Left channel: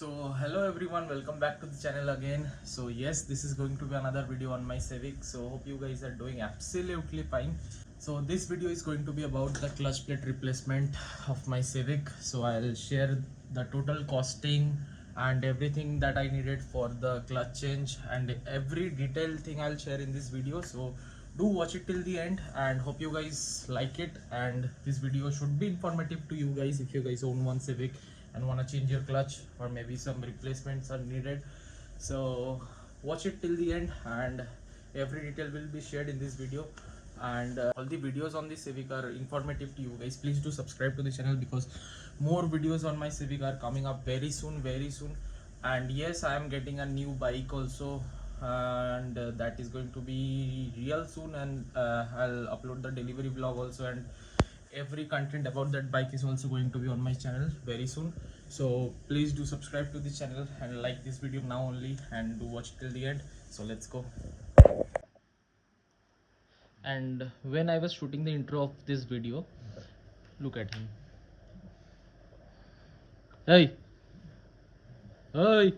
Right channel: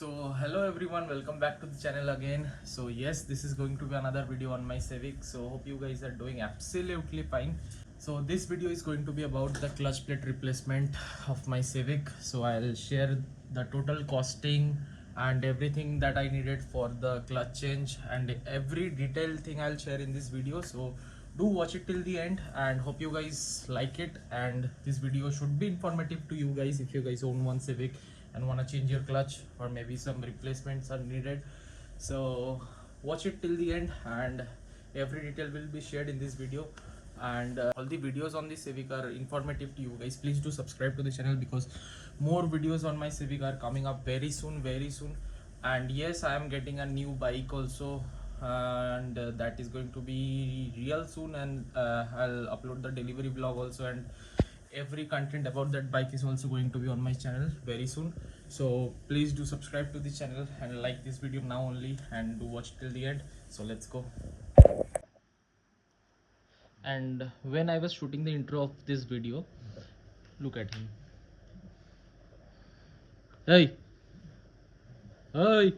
So hello everyone, welcome back to the channel again. So yes, this is going to be another video on my Civic. So hope you guys are doing absolutely fine. So this video is going to be about the clutch plate replacement of my Civic. So I'll share the total costing and everything that I needed for the clutch change, and every detailed thing I'll share in this video. So do watch it till the end and hope you guys like it, and this video should be informative to you guys if you guys own one Civic and want to change your clutch, or maybe some replacements are needed. So watch it till the end and every detail will be shared in this video, and all the videos on this Civic are informative to you guys. Please do subscribe to the channel because more videos on my Civic are coming up very soon. And yes, I am getting a new bike also, and that is going to be real soon, and I'll upload the delivery vlog also, and every content about that bike is also going to be on my channel very soon. So please do subscribe to the channel and like this video now only, and do watch till the end. So let's go. And when I was shooting the intro of this video, look at him. Hey, hey,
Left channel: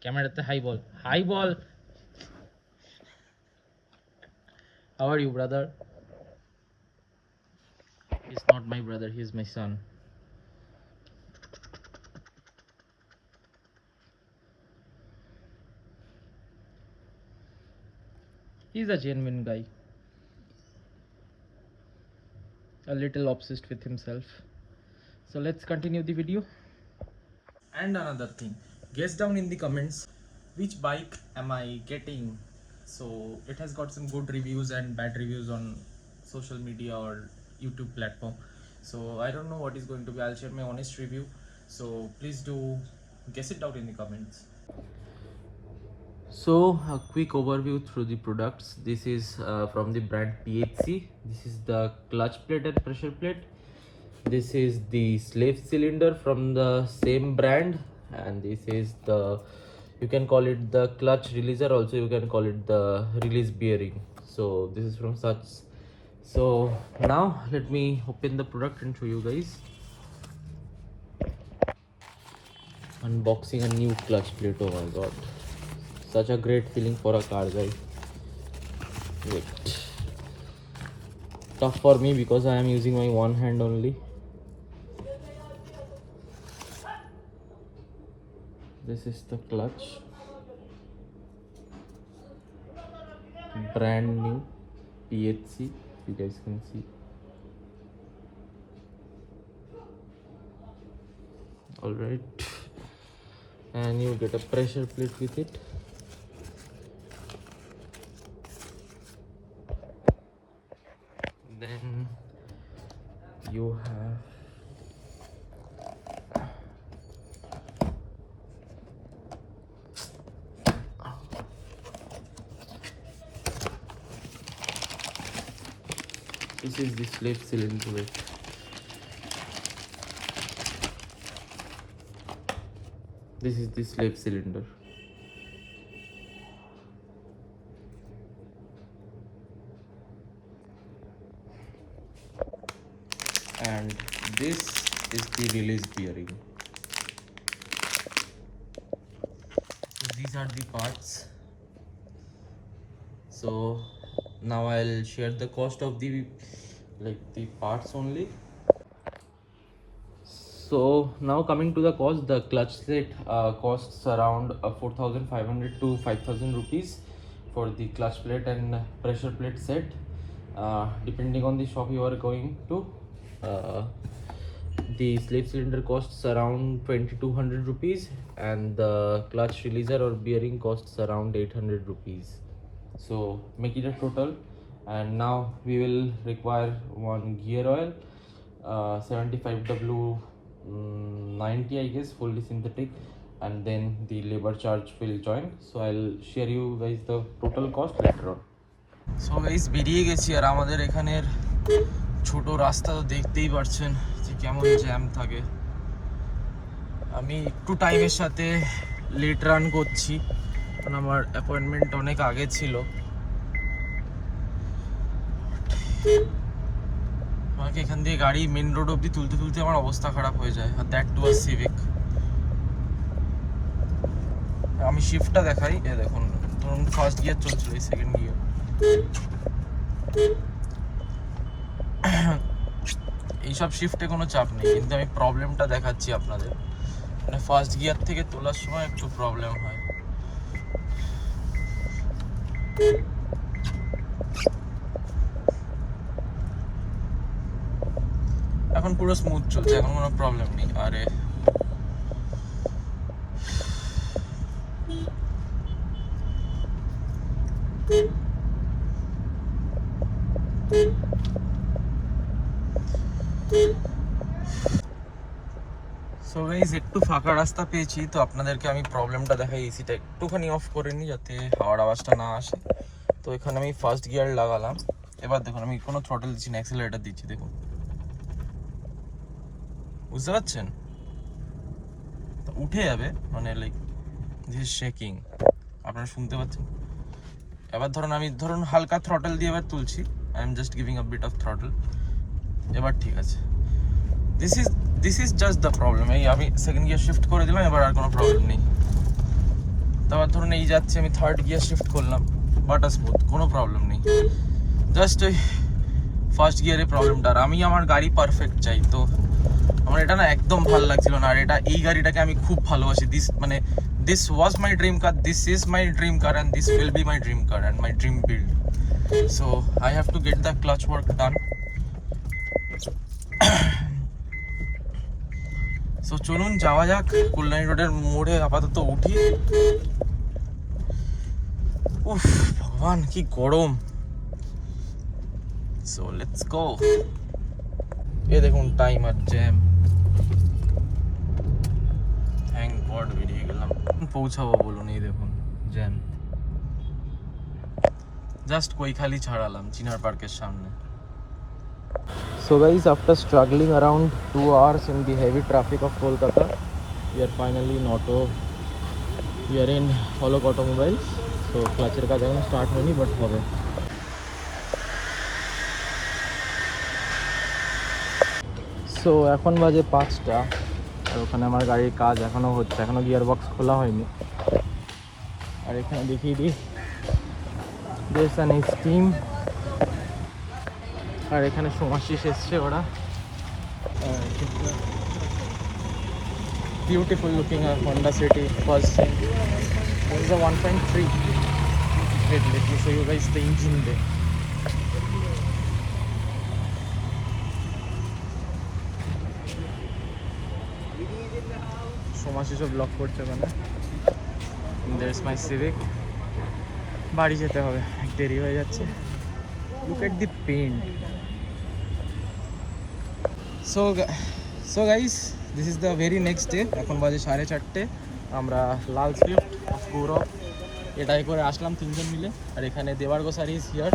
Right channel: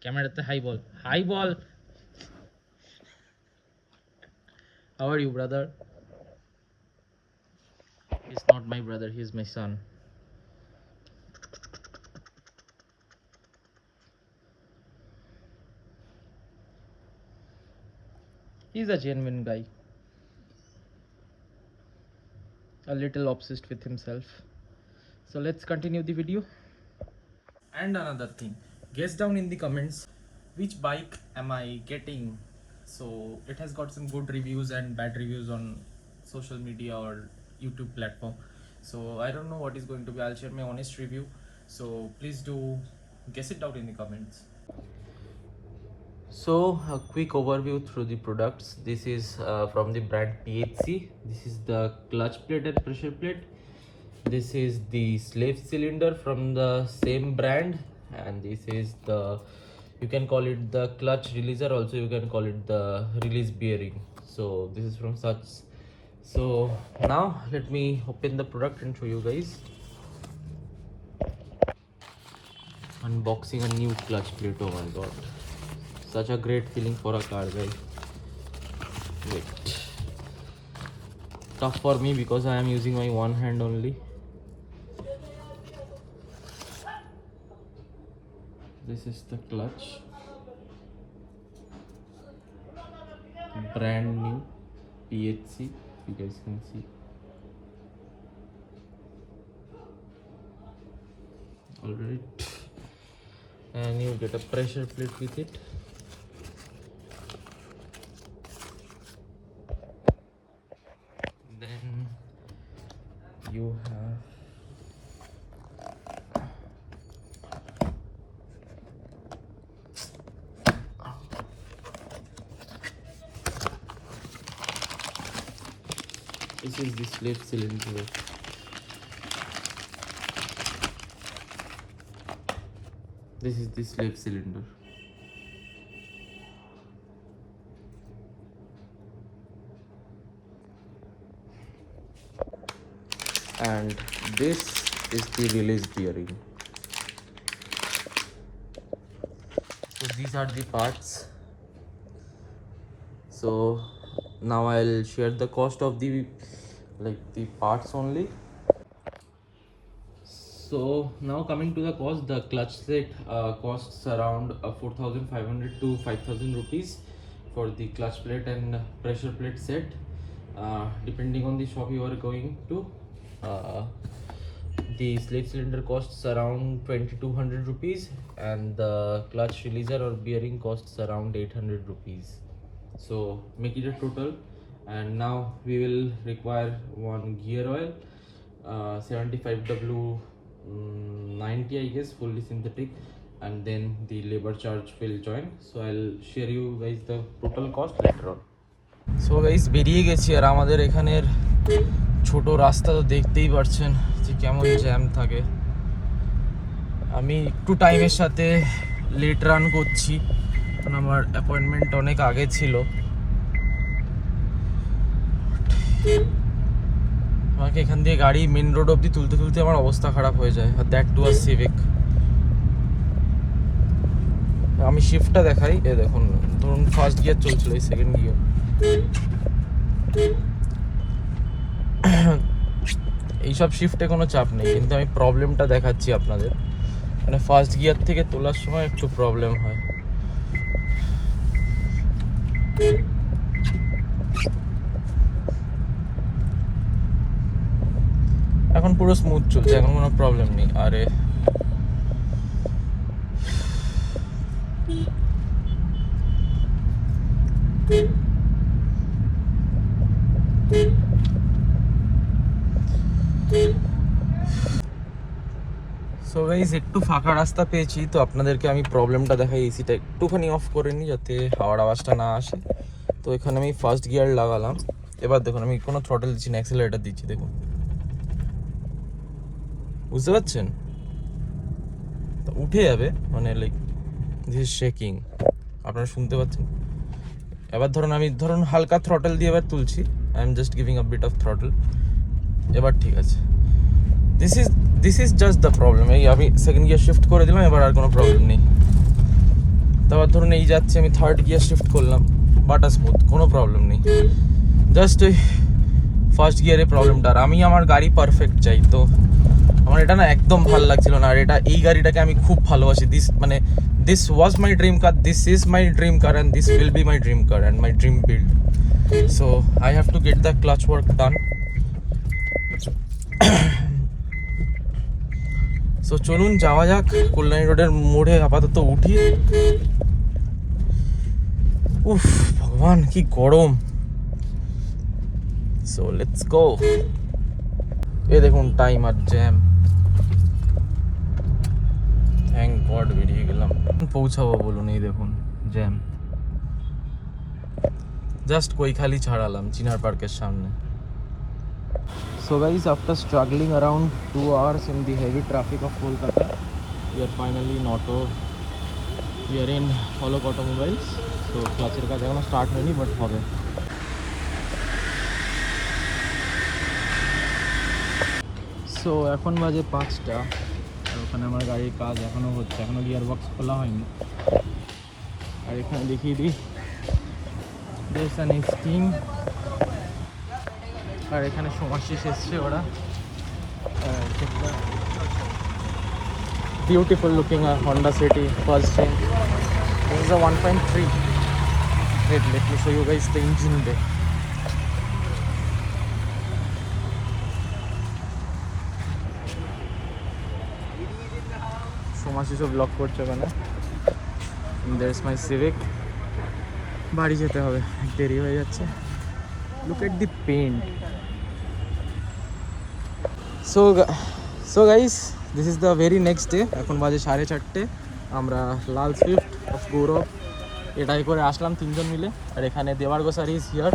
camera at the high ball. How are you, brother? He's not my brother, he's my son. He's a genuine guy, a little obsessed with himself. So let's continue the video. And another thing, guess down in the comments which bike am I getting. So it has got some good reviews and bad reviews on social media or YouTube platform. So I don't know what is going to be. I'll share my honest review. So please do guess it out in the comments. So a quick overview through the products. This is from the brand PHC. This is the clutch plate and pressure plate. This is the slave cylinder from the same brand, and this is the, you can call it the clutch releaser, also you can call it the release bearing. So this is from such. So now let me open the product and show you guys. Unboxing a new clutch plate. Oh my god, such a great feeling for a car, guys. Wait, tough for me because I am using my one hand only. This is the clutch, brand new PHC, you guys can see. Alright, and you get a pressure plate with it. Then you have this is the slave cylinder. This is the slave cylinder. And this is the release bearing. So these are the parts. So now I'll share the cost of the parts only. So now coming to the cost, the clutch set costs around 4,500 to 5,000 rupees for the clutch plate and pressure plate set, depending on the shop you are going to. The slave cylinder costs around 2,200 rupees, and the clutch releaser or bearing costs around 800 rupees. So make it a total. And now we will require one gear oil, 75W 90, I guess, fully synthetic, and then the labor charge will join. So I'll share you guys the total cost later on. So guys, বেরিয়ে গেছি, আর আমাদের এখানের ছোট রাস্তা তো দেখতেই পাচ্ছেন যে কেমন জ্যাম থাকে। আমি একটু টাইমের সাথে লেট রান করছি, কারণ আমার অ্যাপয়েন্টমেন্ট অনেক আগে ছিল। আমাকে এখান দিয়ে গাড়ি মেন রোড অবধি তুলতে আমার অবস্থা খারাপ হয়ে যায়, আর দ্যাট টু আ সিভিক। আমি শিফটটা দেখাই, এ দেখুন ধরুন ফার্স্ট গিয়ার চলছিল, এই সেকেন্ড গিয়ার। এইসব শিফটে কোনো চাপ নেই, কিন্তু আমি প্রবলেমটা দেখাচ্ছি আপনাদের। মানে ফার্স্ট গিয়ার থেকে তোলার সময় একটু প্রবলেম হয়। এখন পুরো স্মুথ চলছে, এখন কোনো প্রবলেম নেই। আরে সো গাইস, একটু ফাঁকা রাস্তা পেয়েছি, তো আপনাদেরকে আমি প্রবলেমটা দেখাই। এসিটা একটুখানি অফ করে নিই যাতে হাওয়ার আওয়াজটা না আসে। তো এখানে আমি ফার্স্ট গিয়ার লাগালাম। এবার দেখুন আমি কোনো থ্রটল দিচ্ছি না, অ্যাক্সিলারেটর দিচ্ছি। দেখুন, বুঝতে পারছেন? উঠে যাবে, মানে লাইক দিস ইজ শেকিং, আপনারা শুনতে পাচ্ছেন? এবার ধরুন হালকা থ্রটল দিয়ে এবার তুলছি। I am just giving a bit of throttle. এবার ঠিক আছে। This is just the problem. এই আমি সেকেন্ড গিয়ার শিফট করে দিলাম, এবার আর কোনো প্রবলেম নেই। তারপর ধরুন এই যাচ্ছে, আমি থার্ড গিয়ার শিফট করলাম, বাটার স্মুথ, কোনো প্রবলেম নেই। জাস্ট ওই ফার্স্ট গিয়ারে প্রবলেমটা। আর আমি আমার গাড়ি পারফেক্ট চাই, তো আমার এটা না একদম ভালো লাগছিল না। আর এই গাড়িটাকে আমি খুব ভালোবাসি। This was my dream car, this is my dream car, and this will be my dream car and my dream build. So I have to get the clutch work done. So চলুন যাওয়া যাক। কল্যাণী রোডের মোড়ে আপাতত উঠি। উফ ভগবান, কি গরম। So let's go. এ দেখুন টাইম আর জ্যাম। থ্যাংক গড বেরিয়ে গেলাম। পৌঁছাবো বলুন, এই দেখুন জ্যাম। জাস্ট কৈখালি ছাড়ালাম চিনার পার্কের সামনে। So guys, after struggling around 2 hours in the heavy traffic of Kolkata, we are finally in auto. We are in Holok Automobiles. So clutch এর কাজ এখনো স্টার্ট হয়নি, বাট হবে। সো এখন বাজে 5টা। তো ওখানে আমার গাড়ির কাজ এখনো হচ্ছে, এখনো গিয়ার বক্স খোলা হয়নি। আর এখানে দেখিয়ে দিই, there's an steam। আর এখানে সমস্যা এসছে ওরা। Beautiful looking Honda City first thing. This is a 1.3. Wait, let me show you guys the engine there. সমাজ সব ব্লক করছে ওখানে। There's my Civic. বাড়ি যেতে হবে, দেরি হয়ে যাচ্ছে। Look at the paint. So guys, this is the very next day. এখন বাজে 4:30। আমরা লাল সুইফট অফ গৌরব এটাই করে আসলাম তিনজন মিলে। আর এখানে দেবার গোসারি ইজ হিয়ার।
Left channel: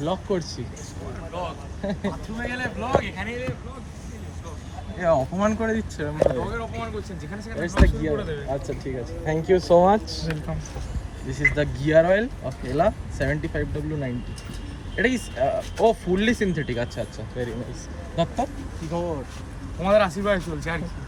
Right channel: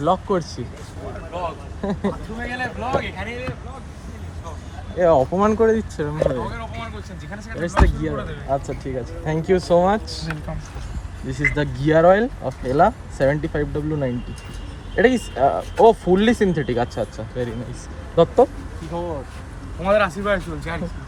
ব্লগ করছি। এ অপমান করে দিচ্ছে। আচ্ছা ঠিক আছে, thank you so much, welcome. This is the gear oil of এলা 75W90। এটা কি ফুললি সিনথেটিক? আচ্ছা আচ্ছা, ভেরি নাইস। দত্ত, কি খবর? তোমাদের আশীর্বাদ চলছে আর কি।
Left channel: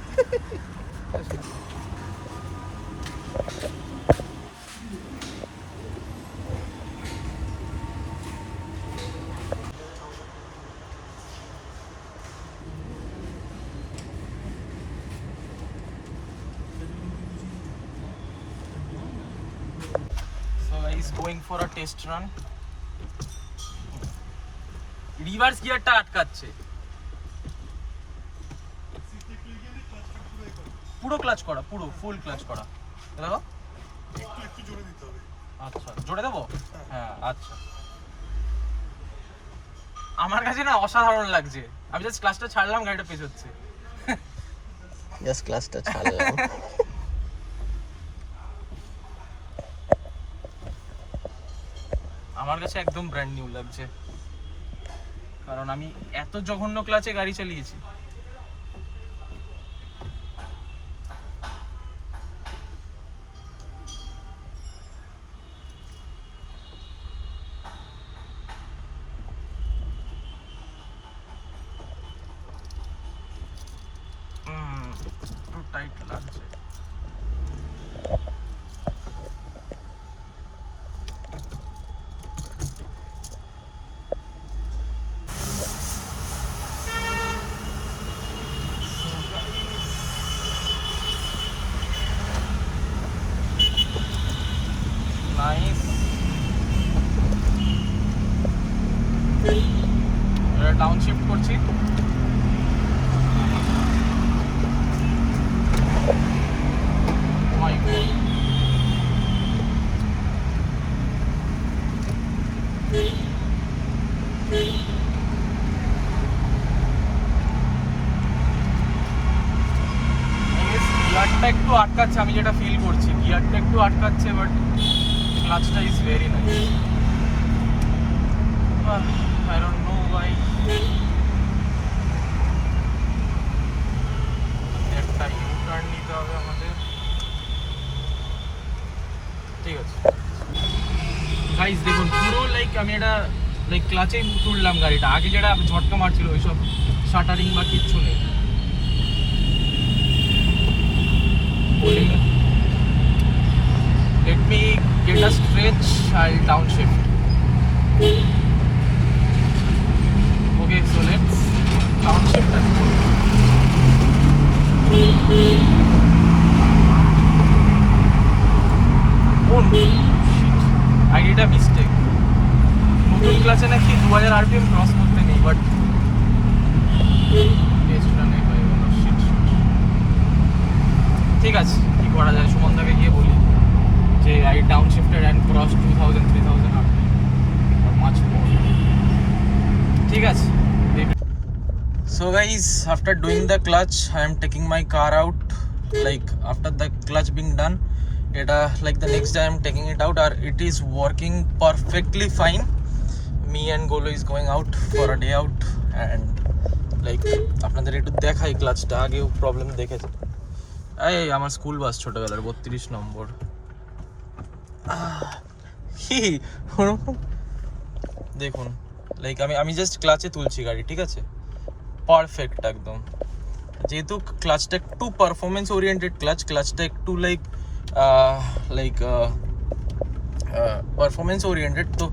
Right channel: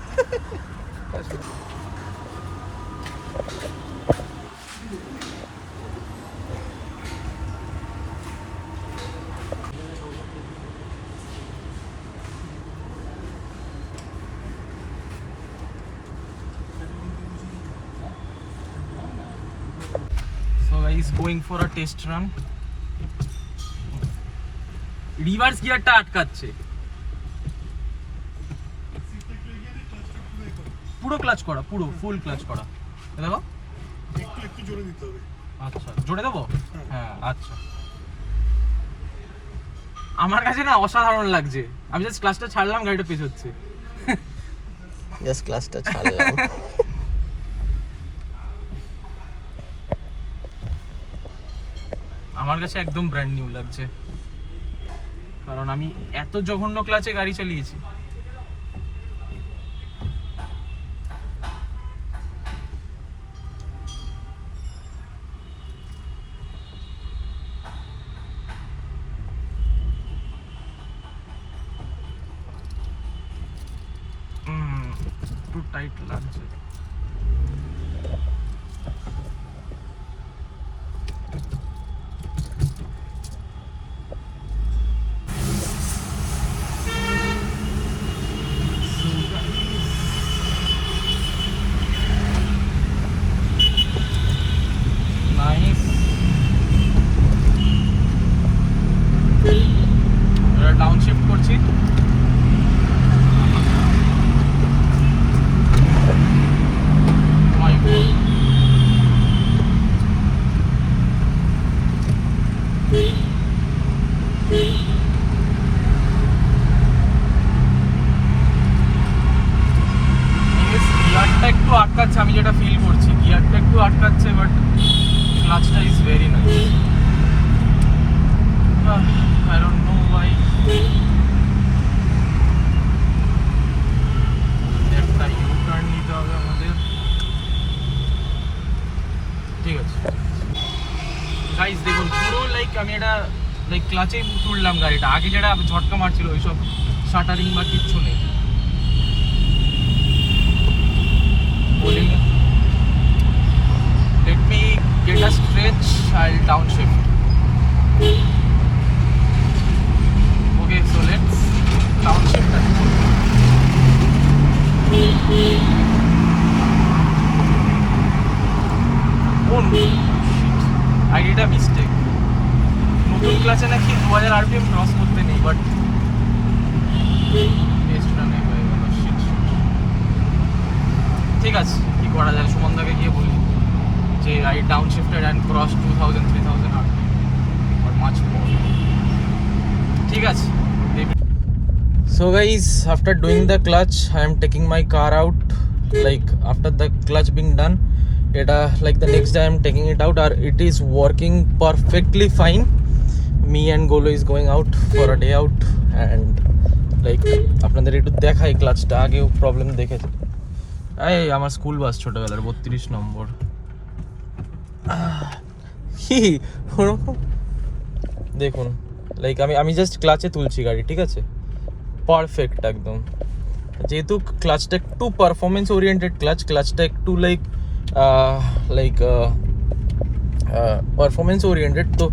So he's going for a test run. Reverse গিয়ারটা আটকাচ্ছে। পুরো ক্লাচ করা, পুরো ফুল ক্লাচ করা। দেখো একটু জোরে দিতে হবে। আচ্ছা জোরে দেবো? হ্যাঁ আচ্ছা। আমার কাছে না অসাধারণ লাগছে। আমি জাস্ট ক্লাচটা ছাড়লাম, গাড়িটা পেছচ্ছে। জাস্ট ক্লাচটা ছাড়লাম। আমার কাছে একদম ব্র্যান্ড নিউ লাগছে, কারণ আমি এত জঘন্য ক্লাচে গাড়ি চালিয়েছি। একটু টাইট লাগছে। ডাউন শিফট করছি। গিয়ারটা একটু আটকাচ্ছে, আমি যেটা ফিল করছি গিয়ারটা একটু আটকাচ্ছে, বাট ক্লাচটা is very nice. I don't know why. একটা ইউ-টার্ন নিতে হবে আমাদের। ঠিক আছে গাইস, দেখুন পুরো লাইক আমি এটা লাইক ক্লাচে তুললাম গাড়িটা, আগে যেটা ঝটকা মারছিল ওইসব শাটারিং বা কিচ্ছু নেই। Let me get a stretch, I'll downshift. Okay, so let's downshift that. Oh no, shit, I did a mistake. ঠিক আছে নাকি 2000 RPM ক্রস করতে নেই, বাট ঠিক আছে কি করা যায়, সুমনদাকে গিয়ে বলি যে I downshifted and crossed 2000 3000 RPM or much more. ঠিক আছে। So guys, after doing the clutch, I am taking my car out. Like after the clutch being done, like the next day I am taking it out, or it is working perfectly fine. Me and Golo is going out for a day out, and like আপনাদের একটু দেখাই ক্লাচটা, আগেও প্রবলেম দেখেছে। এই আমার school bus ছোটবেলার 32 নম্বর। ওরকম দেখুন, লাইক আমি জাস্ট ক্লাচে তুলছি গাড়ি, ঠিক আছে, পারফেক্ট একদম। যেহেতু ক্লাচটা একটু পারফরমেন্স ওরিয়েন্টেড ক্লাচটা একটু লাইক পারফরমেন্স ওরিয়েন্টেড, তো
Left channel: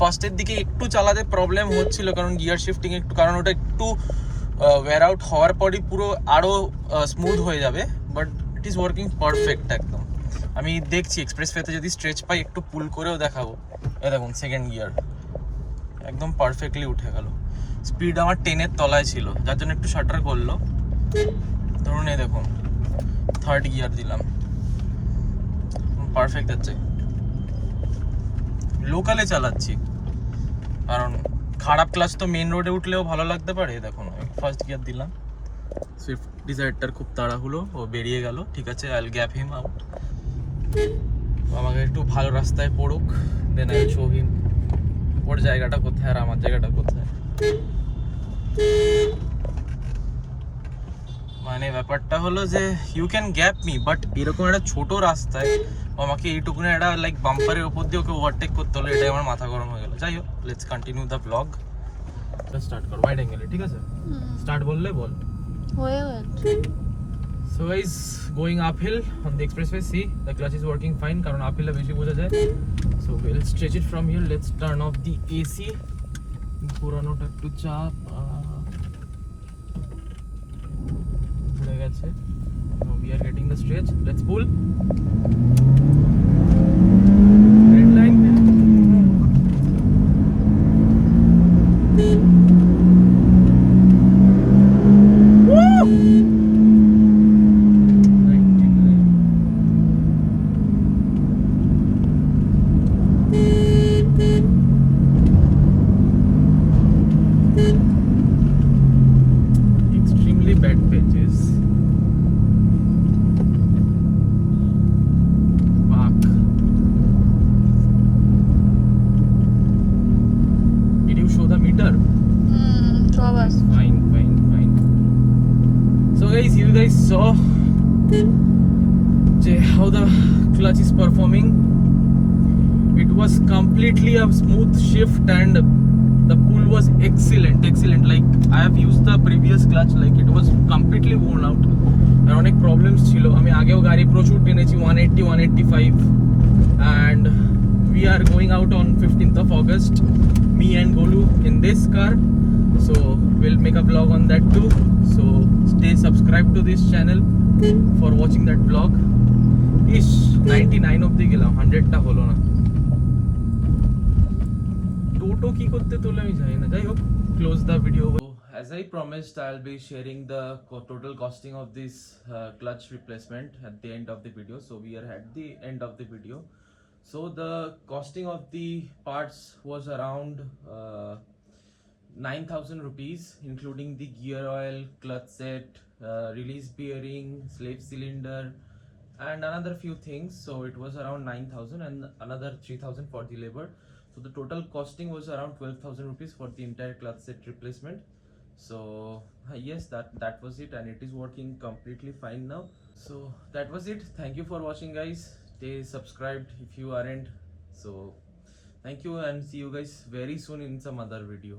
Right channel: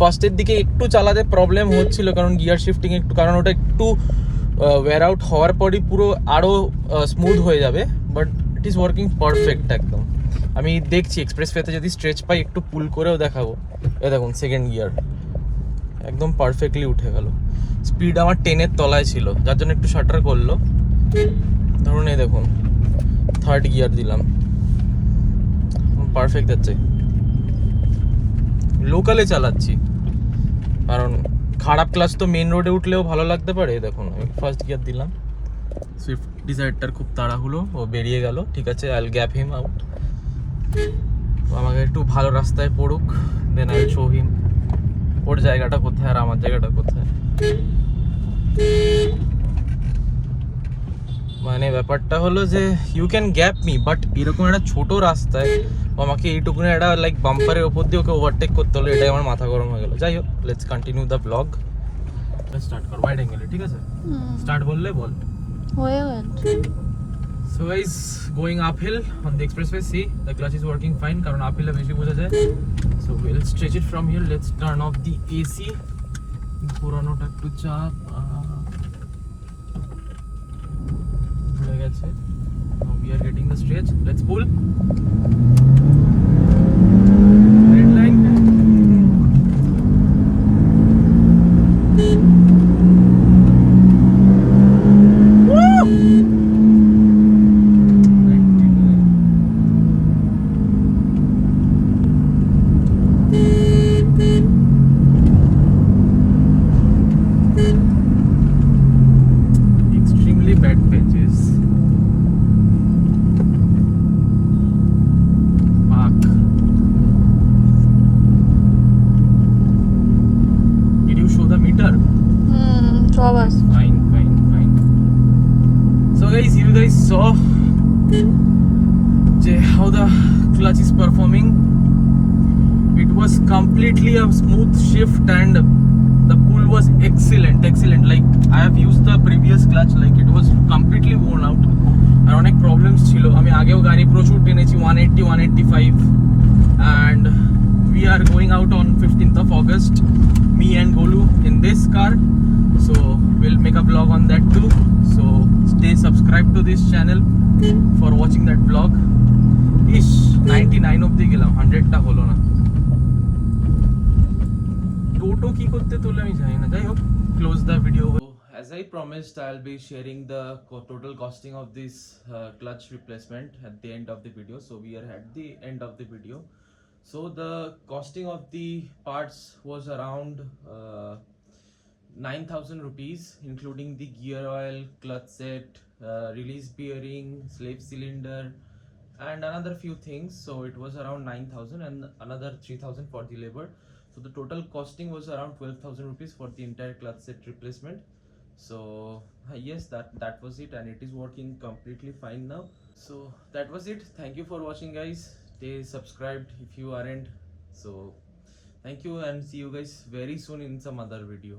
ফার্স্টের দিকে একটু চালাতে প্রবলেম হচ্ছিল, কারণ গিয়ার শিফটিং একটু, কারণ ওটা একটু ওয়্যার আউট হওয়ার পরই পুরো আরও স্মুথ হয়ে যাবে, but it is working perfect একদম। আমি দেখছি এক্সপ্রেসওয়েতে যদি স্ট্রেচ পাই একটু পুল করেও দেখাবো। এ দেখুন সেকেন্ড গিয়ার একদম পারফেক্টলি উঠে গেল। স্পিড আমার 10-এর তলায় ছিল, যার জন্য একটু শাটার করলো। ধরুন এই দেখুন থার্ড গিয়ার দিলাম, পারফেক্ট যাচ্ছে। লোকালে চালাচ্ছি, কারণ খারাপ ক্লাচ তো মেন রোডে উঠলেও ভালো লাগতে পারে। দেখুন আমি ফার্স্ট গিয়ার দিলাম, সুইফট ডিজায়ারটার খুব তাড়াহুড়ো, ও বেরিয়ে গেল। ঠিক আছে, I will gap him out, আমাকে একটু ভালো রাস্তায় পড়ুক, দেন আই শো হিম ওর জায়গাটা কোথায় আর আমার জায়গাটা কোথায়। মানে ব্যাপারটা হলো যে you can gap me, but এরকম একটা ছোট রাস্তায় আমাকে এইটুকুনি একটা লাইক বাম্পারের ওপর দিয়ে ওকে ওভারটেক করতে হলো, এটাই আমার মাথা গরম হয়ে গেল। যাই হোক, let's continue the blog. Start কর ওয়াইড অ্যাঙ্গেলে, ঠিক আছে? স্টার্ট বললে বল। হয়ে গেল। So guys, going uphill on the expressway, see the clutch is working fine, কারণ uphill এ বেশি বোঝা যায়। So we'll stretch it from here. Let's turn off the AC. পুরোনোটা একটু চাপ হয়ে গেছে। We are getting the stretch. Let's pull. Red line. Extremely bad pitches. Fuck. Did you show the meter? সব আছে। Fine. So guys, you guys saw how the clutch is performing. It was completely a smooth shift and the pull was excellent. Like I have used the previous clutch, like it was completely worn out. আর অনেক প্রবলেমস ছিল, আমি আগেও গাড়ি প্রচুর টেনেছি 180 185 and we are going out on 15th of August, me and Golu in this car, so we'll make a vlog on that too, so stay subscribed to this channel for watching that vlog. Ish 99 অবধি গেলাম, 100 টা হলো না। টোটো কি করতে তোলে আমি জানি না, যাই হোক close the video. As I promised, I'll be sharing the total costing of this clutch replacement at the end of the video. So we are at the end of the video. So the costing of the parts was around 9,000 rupees, including the gear oil, clutch set, release bearing, slave cylinder, and another few things. So it was around 9,000 and another 3,000 for the labor. So the total costing was around 12,000 rupees for the entire clutch set replacement. So yes, that was it, and it is working completely fine now. So that was it. Thank you for watching, guys. Stay subscribed if you aren't. So thank you, and see you guys very soon in some other video.